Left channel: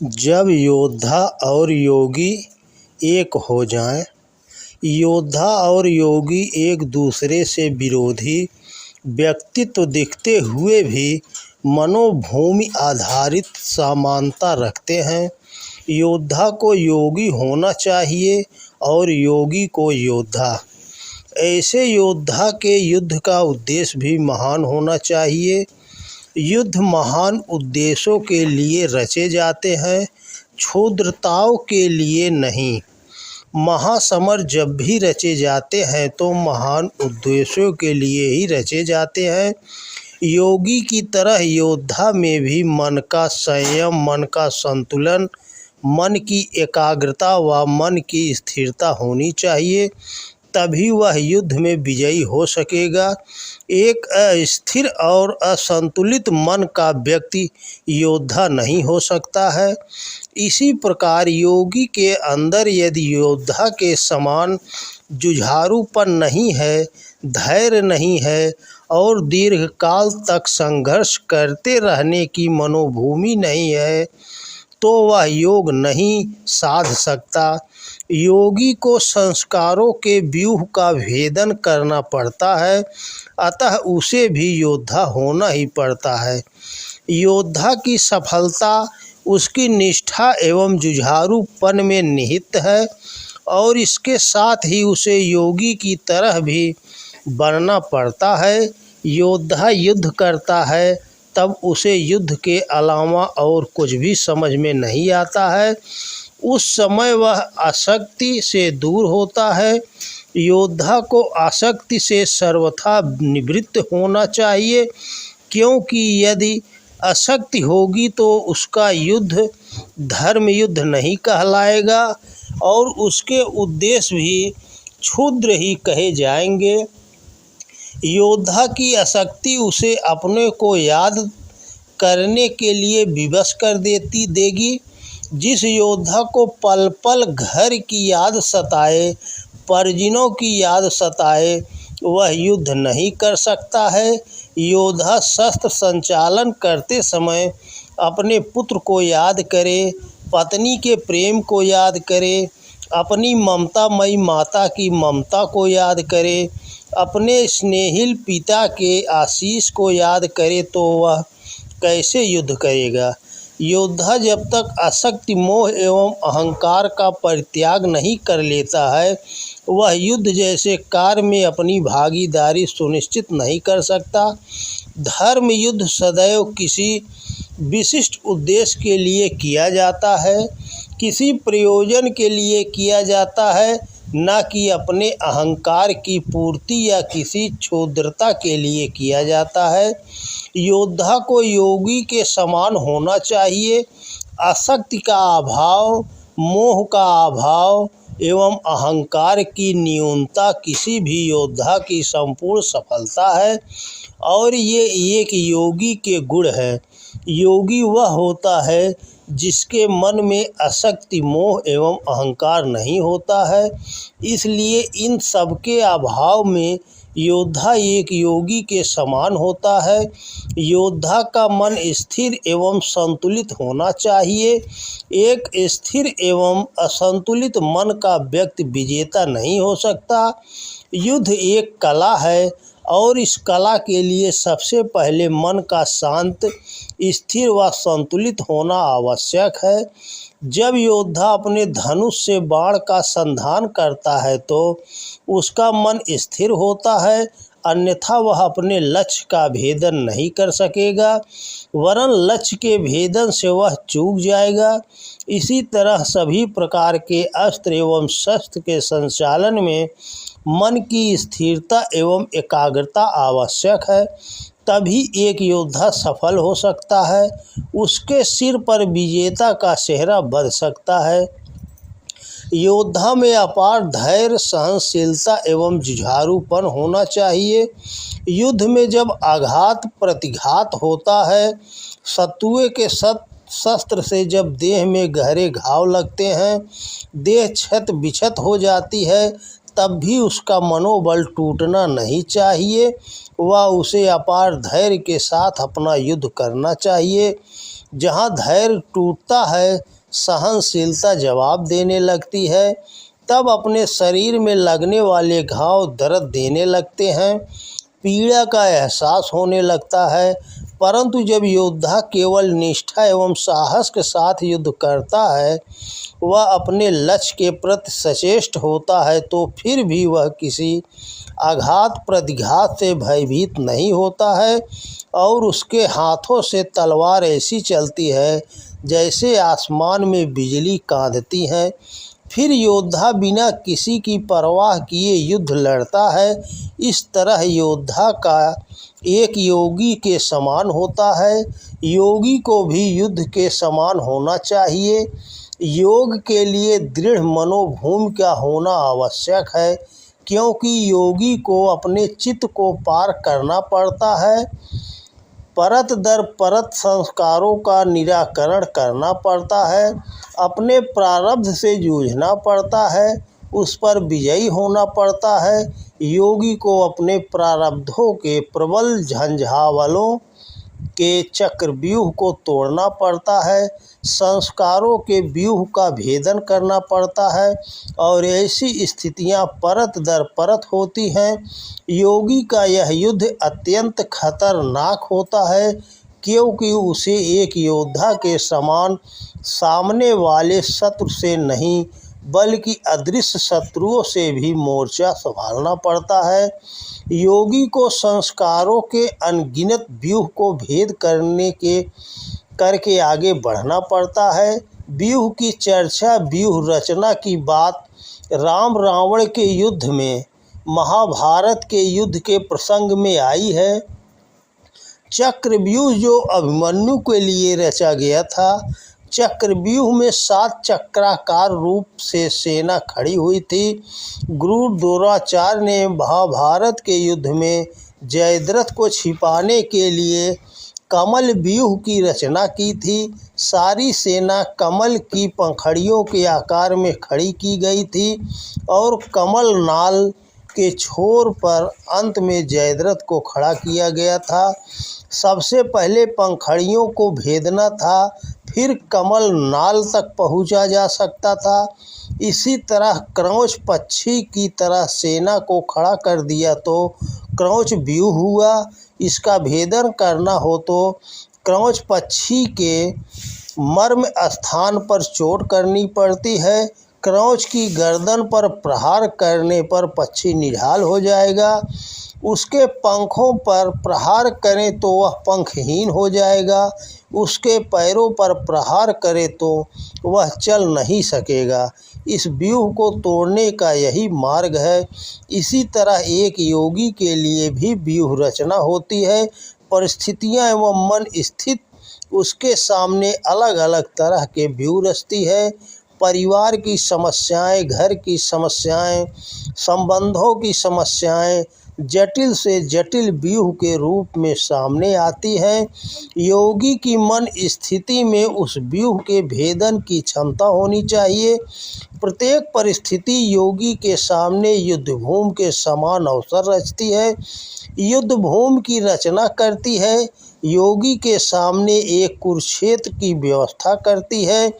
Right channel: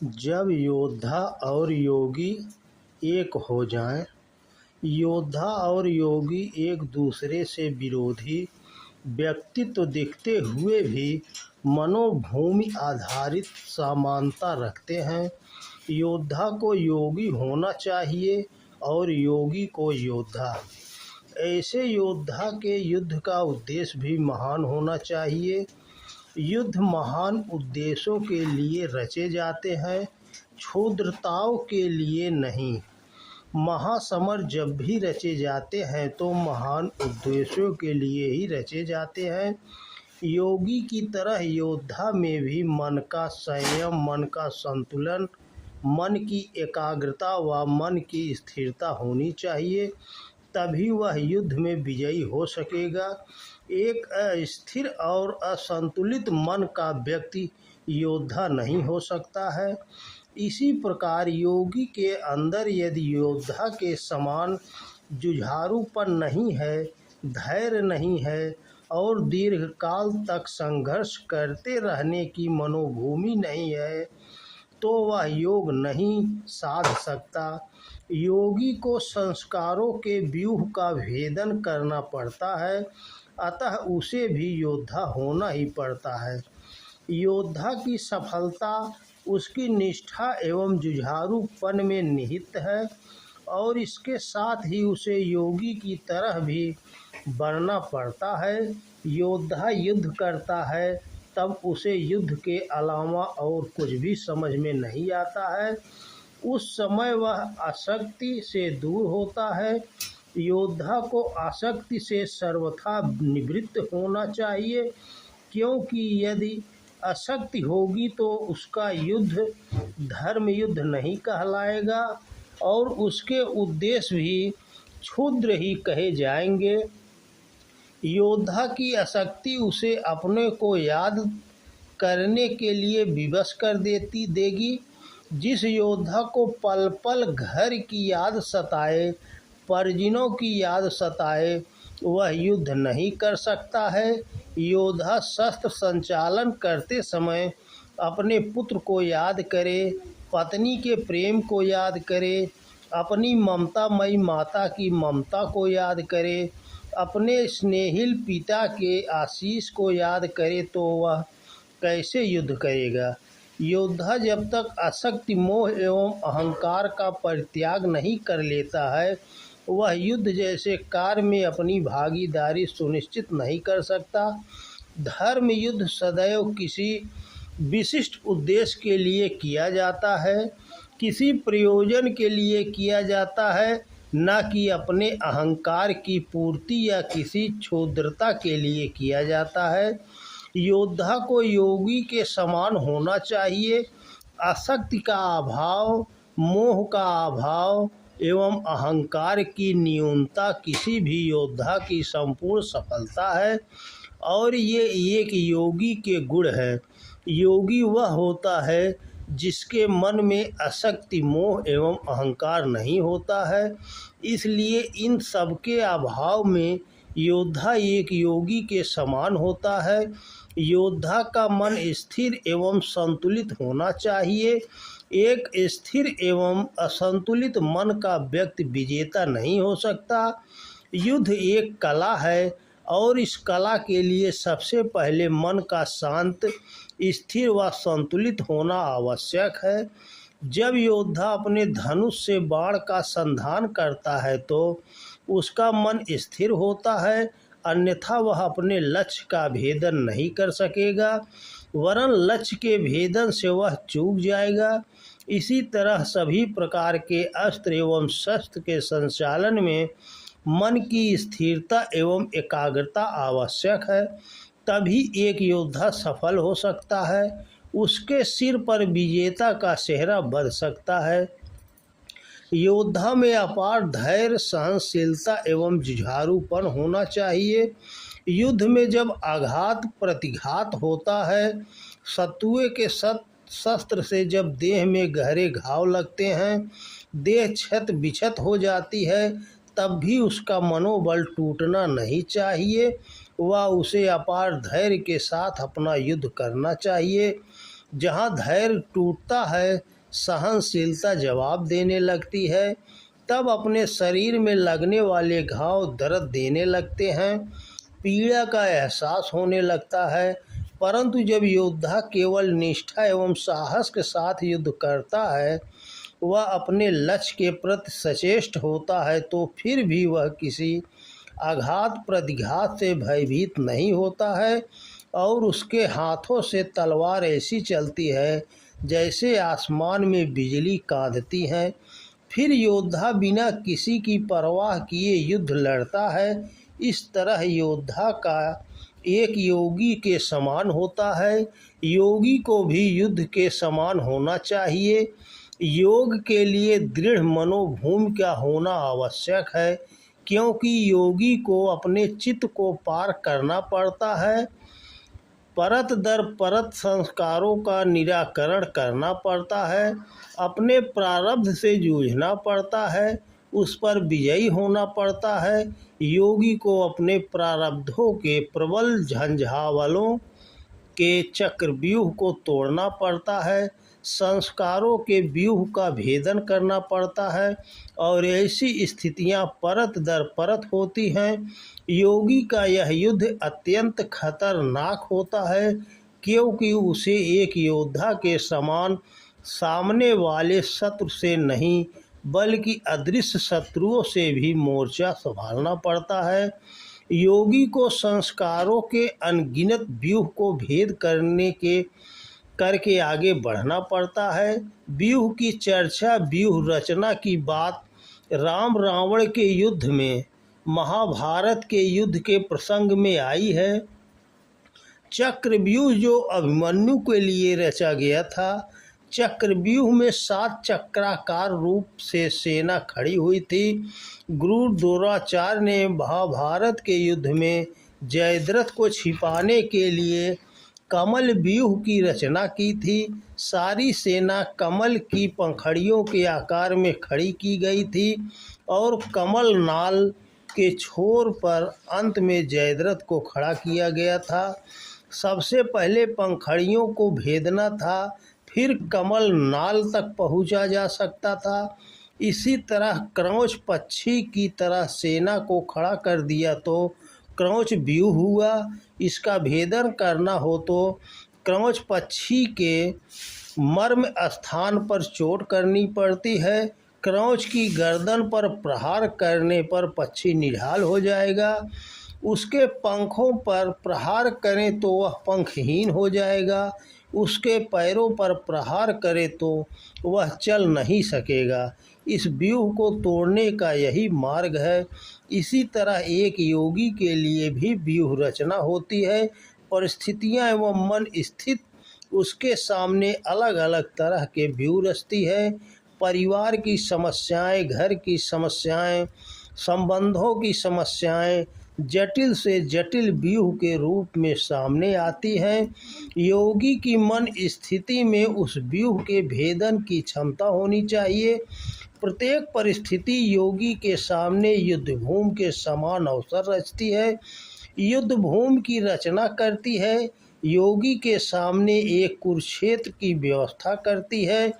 जब योद्धा और योगी एक हो जाएं, योद्धा और योगी एक दूसरे से विरोधी व्यक्तित्व दिखते हुए भी मनोभूमि आधारित समानता रखते हैं। योद्धा को योगी होना चाहिए और योगी को योद्धा। ऐसे योद्धा के युद्ध का उद्देश्य भी महान होना चाहिए। युद्ध महान उद्देश्यों के लिए रचे जाते हैं, क्षुद्रताओं के लिए नहीं। महासमर जब भी रचे जाते हैं तो महान उद्देश्यों के लिए ही रचे जाते हैं। योगी की तरह योद्धा में भी मन का संयम, मन का संतुलन, मन की एकाग्रता व मन की स्थिरता होनी चाहिए, तभी वह युद्ध में विजयी हो सकेगा। एक अस्थिर और असंतुलित मन का व्यक्ति योद्धा नहीं हो सकता है। इसी प्रकार योगी के अंदर यदि योद्धा के समान जुझारूपन नहीं है, धैर्य नहीं है और दीर्घकाल तक संघर्ष करते रहने की मनोभूमि नहीं है, तो वह योग नहीं साध सकता। योगी को संस्कारों के व्यूह का भेदन करना पड़ता है, अतः उसे भी योद्धा होना ही पड़ता है। योद्धा की सफलता उसकी निष्ठा एवं जुझारूपन में निहित है और इसके साथ ही उसे योगी की तरह भी बनना पड़ता है। योद्धा युद्ध करता है तब उसे युद्ध के अलावा और कुछ भी समझ में नहीं आता है। उस समय वह आसक्ति से दूर होता है। योद्धा को आसक्ति से सर्वथा निवृत्त होना चाहिए, क्योंकि यदि आसक्ति होगी तो उसका युद्ध धर्म युद्ध नहीं कहलाएगा और उसके उद्देश्य भी क्षुद्र ही कहे जाएंगे। योद्धा की आसक्ति उसे अपने को याद करने के लिए विवश कर देगी। जिस योद्धा को पल पल घर की याद सताए, परिजनों की याद सताए, वह युद्ध नहीं कर सकता है। योद्धा शस्त्र संचालन करते समय अपने पुत्र को याद करे, पत्नी के प्रेम को याद करे, अपनी ममतामयी माता की ममता को याद करे, अपने स्नेहिल पिता के आशीष को याद करे, तो वह कैसे युद्ध करेगा। योद्धा जब तक आसक्ति, मोह एवं अहंकार का परित्याग नहीं कर लेता है, वह युद्ध जैसे कार्य में अपनी भागीदारी सुनिश्चित नहीं कर सकता। धर्म युद्ध सदैव किसी विशिष्ट उद्देश्य के लिए किया जाता है, किसी प्रयोजन के लिए किया जाता है, न कि अपने अहंकार की पूर्ति या किसी क्षुद्रता के लिए किया जाता है। योद्धा को योगी के समान होना चाहिए। आसक्ति का अभाव, मोह का अभाव एवं अहंकार की न्यूनता किसी भी योद्धा की संपूर्ण सफलता है और ये एक योगी के गुण है। योगी वह होता है जिसके मन में आसक्ति, मोह एवं अहंकार नहीं होता है। इसलिए इन सब के अभाव में योद्धा एक योगी के समान होता है। योद्धा का मन स्थिर एवं संतुलित होना चाहिए। एक स्थिर एवं असंतुलित मन का व्यक्ति विजेता नहीं हो सकता। युद्ध एक कला है और इस कला के लिए सबसे पहले मन का शांत, स्थिर व संतुलित होना आवश्यक है। जब योद्धा अपने धनुष से बाण का संधान करता है तो उसका मन स्थिर होता है, अन्यथा वह अपने लक्ष्य का भेदन नहीं कर सकेगा, वरन लक्ष्य के भेदन से वह चूक जाएगा। इसी तरह सभी प्रकार के अस्त्र एवं शस्त्र के संचालन में मन की स्थिरता एवं एकाग्रता आवश्यक है, तभी एक योद्धा सफल हो सकता है। उसके सिर पर विजेता का सेहरा बंध सकता है। योद्धा में अपार धैर्य, सहनशीलता एवं जुझारूपन होना चाहिए। युद्ध में जब आघात प्रतिघात होता है, शत्रुओं के शस्त्र से जब देह में गहरे घाव लगते हैं, देह क्षत विक्षत हो जाती है, तब भी उसका मनोबल टूटना नहीं चाहिए। वह उसे अपार धैर्य के साथ अपना युद्ध करना चाहिए। जहाँ धैर्य टूटता है, सहनशीलता जवाब देने लगती है। तब अपने शरीर में लगने वाले घाव दर्द देने लगते हैं, पीड़ा का एहसास होने लगता है। परंतु जब योद्धा केवल निष्ठा एवं साहस के साथ युद्ध करता है, वह अपने लक्ष्य के प्रति सचेष्ट होता है, तो फिर भी वह किसी आघात प्रतिघात से भयभीत नहीं होता है और उसके हाथों से तलवार ऐसी चलती है जैसे आसमान में बिजली कांधती है। फिर योद्धा बिना किसी की परवाह किए युद्ध लड़ता है। इस तरह योद्धा का एक योगी के समान होता है। योगी को भी युद्ध के समान होना चाहिए। योग के लिए दृढ़ मनोभूमि का होना आवश्यक है, क्योंकि योगी को अपने चित्त को पार करना पड़ता है। परत दर परत संस्कारों का निराकरण करना पड़ता है, अपने प्रारब्ध से जूझना पड़ता है, उस पर विजयी होना पड़ता है। योगी को अपने प्रारब्धों के प्रबल झंझावालों के चक्रव्यूह को तोड़ना पड़ता है, संस्कारों के व्यूह का भेदन करना पड़ता है और ऐसी स्थितियां परत दर परत होती हैं। योगी का यह युद्ध अत्यंत खतरनाक होता है, क्योंकि उसे एक योद्धा के समान सामने वाले शत्रु से नहीं बल्कि अदृश्य शत्रुओं से भी मोर्चा संभालना पड़ता है। योगी को संस्कारों के अनगिनत व्यूह को भेद करके आगे बढ़ना पड़ता है। व्यूह की चर्चा, व्यूह रचना की बात राम रावण के युद्ध में, महाभारत के युद्ध के प्रसंग में आई है। चक्रव्यूह जो अभिमन्यु के लिए रचा गया था, चक्रव्यूह में 7 चक्राकार रूप से सेना खड़ी हुई थी। गुरु द्रोणाचार्य ने महाभारत के युद्ध में जयद्रथ को छिपाने के लिए कमल व्यूह की रचना की थी। सारी सेना कमल की पंखड़ियों के आकार में खड़ी की गई थी और कमल नाल के छोर पर अंत में जयद्रथ को खड़ा किया गया था। सबसे पहले पंखड़ियों को भेदना था, फिर कमल नाल तक पहुंचा जा सकता था। इसी तरह क्रौच पक्षी की तरह सेना को खड़ा कर दिया तो क्रौच व्यूह हुआ। इसका भेदन करना हो तो क्रौच पक्षी के मर्म स्थान पर चोट करनी पड़ती है। क्रौच की गर्दन पर प्रहार करने पर पक्षी निढाल हो जाएगा। उसके पंखों पर प्रहार करें तो वह पंखहीन हो जाएगा। उसके पैरों पर प्रहार करें तो वह चल नहीं सकेगा। इस व्यूह को तोड़ने का यही मार्ग है। इसी तरह एक योगी के लिए भी व्यूह रचना होती है। परिस्थितियां एवं मन स्थित उसके सामने अलग अलग तरह के व्यूह रचती है। परिवार की समस्याएं, घर की समस्याएं, संबंधों की समस्याएं जटिल से जटिल व्यूह के रूप में सामने आती हैं। योगी की मन स्थिति में उस व्यूह के भेदन की क्षमता होनी चाहिए। प्रत्येक परिस्थिति योगी के सामने युद्धभूमि के समान अवसर रचती है, युद्धभूमि की रचना करती है। योगी के सामने एक कुरुक्षेत्र की व्यवस्था करती है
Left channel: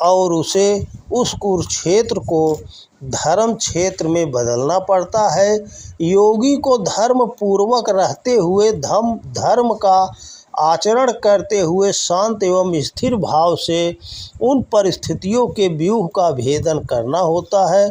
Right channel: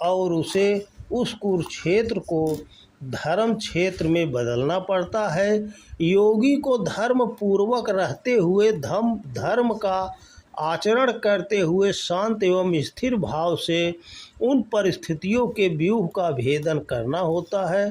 और उसे उस कुरुक्षेत्र को धर्म क्षेत्र में बदलना पड़ता है। योगी को धर्म पूर्वक रहते हुए धर्म का आचरण करते हुए शांत एवं स्थिर भाव से उन परिस्थितियों के व्यूह का भेदन करना होता है।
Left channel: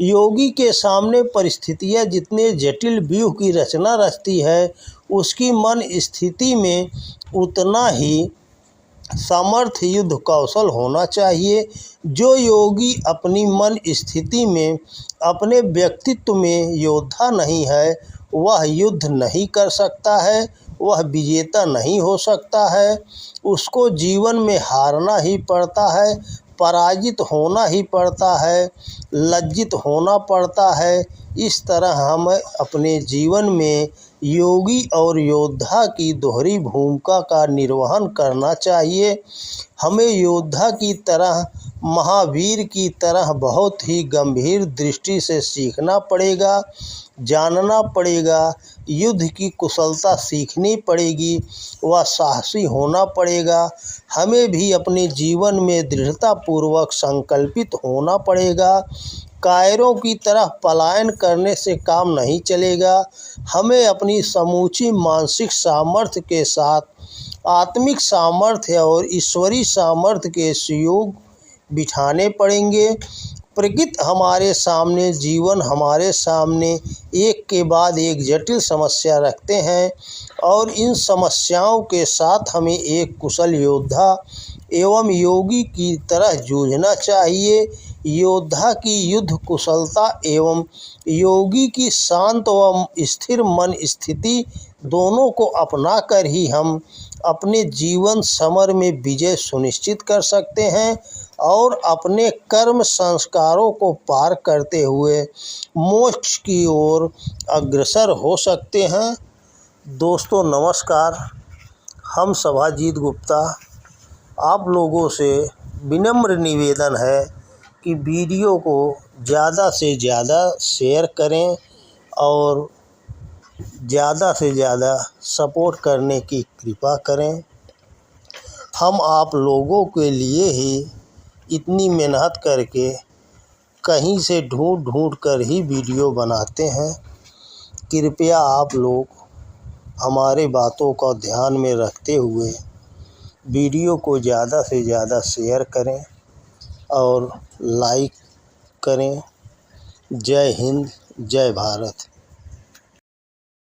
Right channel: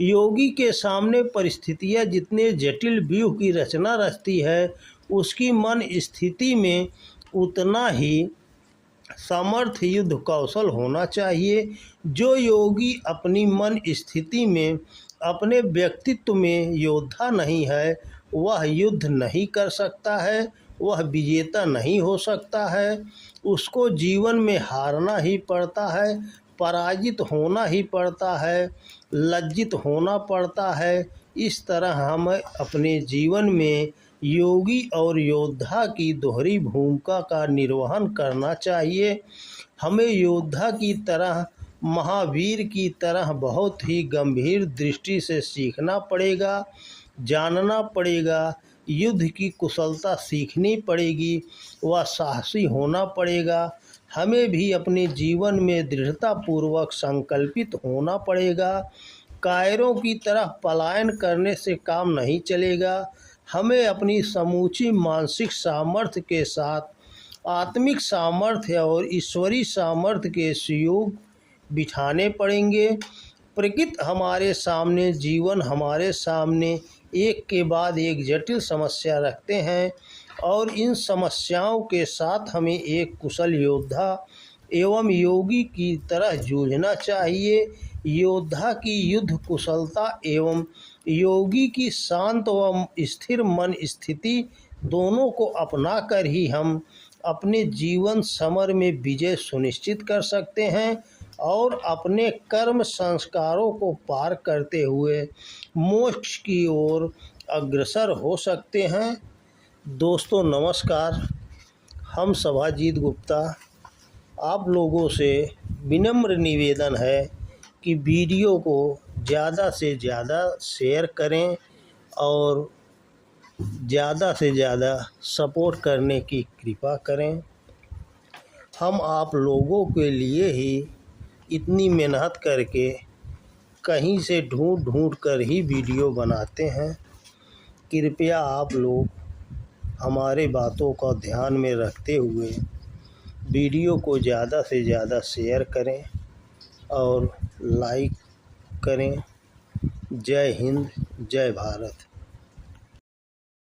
योगी के सामने परिस्थितियां जितने जटिल व्यूह की रचना रचती है, उसकी मन स्थिति में उतना ही सामर्थ्य युद्ध कौशल होना चाहिए। जो योगी अपनी मन स्थिति में, अपने व्यक्तित्व में योद्धा नहीं है, वह युद्ध नहीं कर सकता है, वह विजेता नहीं हो सकता है। उसको जीवन में हारना ही पड़ता है, पराजित होना ही पड़ता है, लज्जित होना पड़ता है। इस तरह हम अपने जीवन में योगी और योद्धा की दोहरी भूमिका का निर्वहन करना चाहिए। हमें योद्धा की तरह, महावीर की तरह बहुत ही गंभीर दृष्टि से सीखना पड़ेगा, जानना पड़ेगा, युद्ध की कुशलता सीखनी पड़ेगी, वह साहसी होना पड़ेगा। हमें भी अपने जीवन में दृढ़तापूर्वक संकल्पित होना पड़ेगा। कायरों की तरह पलायन करने से काम नहीं चलेगा। हमें अपनी समूची मानसिक सामर्थ्य के साथ आत्मिक सामर्थ्य और ईश्वरीय सामर्थ्य के सहयोग बिठाने पड़ेंगे। प्रकृति हमारे सामने, जीवन हमारे सामने एक के बाद एक जटिल समस्या रखते हैं और इन समस्याओं के साथ हमें एक कुशल योद्धा एवं योगी की तरह जूझना चाहिए। योद्धा की युद्ध कुशलता एवं योगी की शांत व स्थिर मन स्थिति दोनों को अपनाकर ही हम अपने जीवन समर में विजय सुनिश्चित कर सकते हैं और अपने कर्म संस्कारों को पार करते हुए मोक्ष की ओर अग्रसर हो सकते हैं। दोस्तों नमस्कार, हम सभाजीत गुप्ता आप लोगों से विनम्र निवेदन है कि वीडियो को ज़्यादा से ज़्यादा शेयर करें और ज़्यादा से ज़्यादा सपोर्ट करने की कृपा करें। हम आप लोगों के लिए ही इतनी मेहनत करके कहीं से ढूंढ कर ही वीडियो बनाते हैं। कृपया आप लोग हमारे बातों को ध्यान में रखते हुए वीडियो को ज़्यादा से ज़्यादा शेयर करें और लाइक करें। जय हिंद, जय भारत।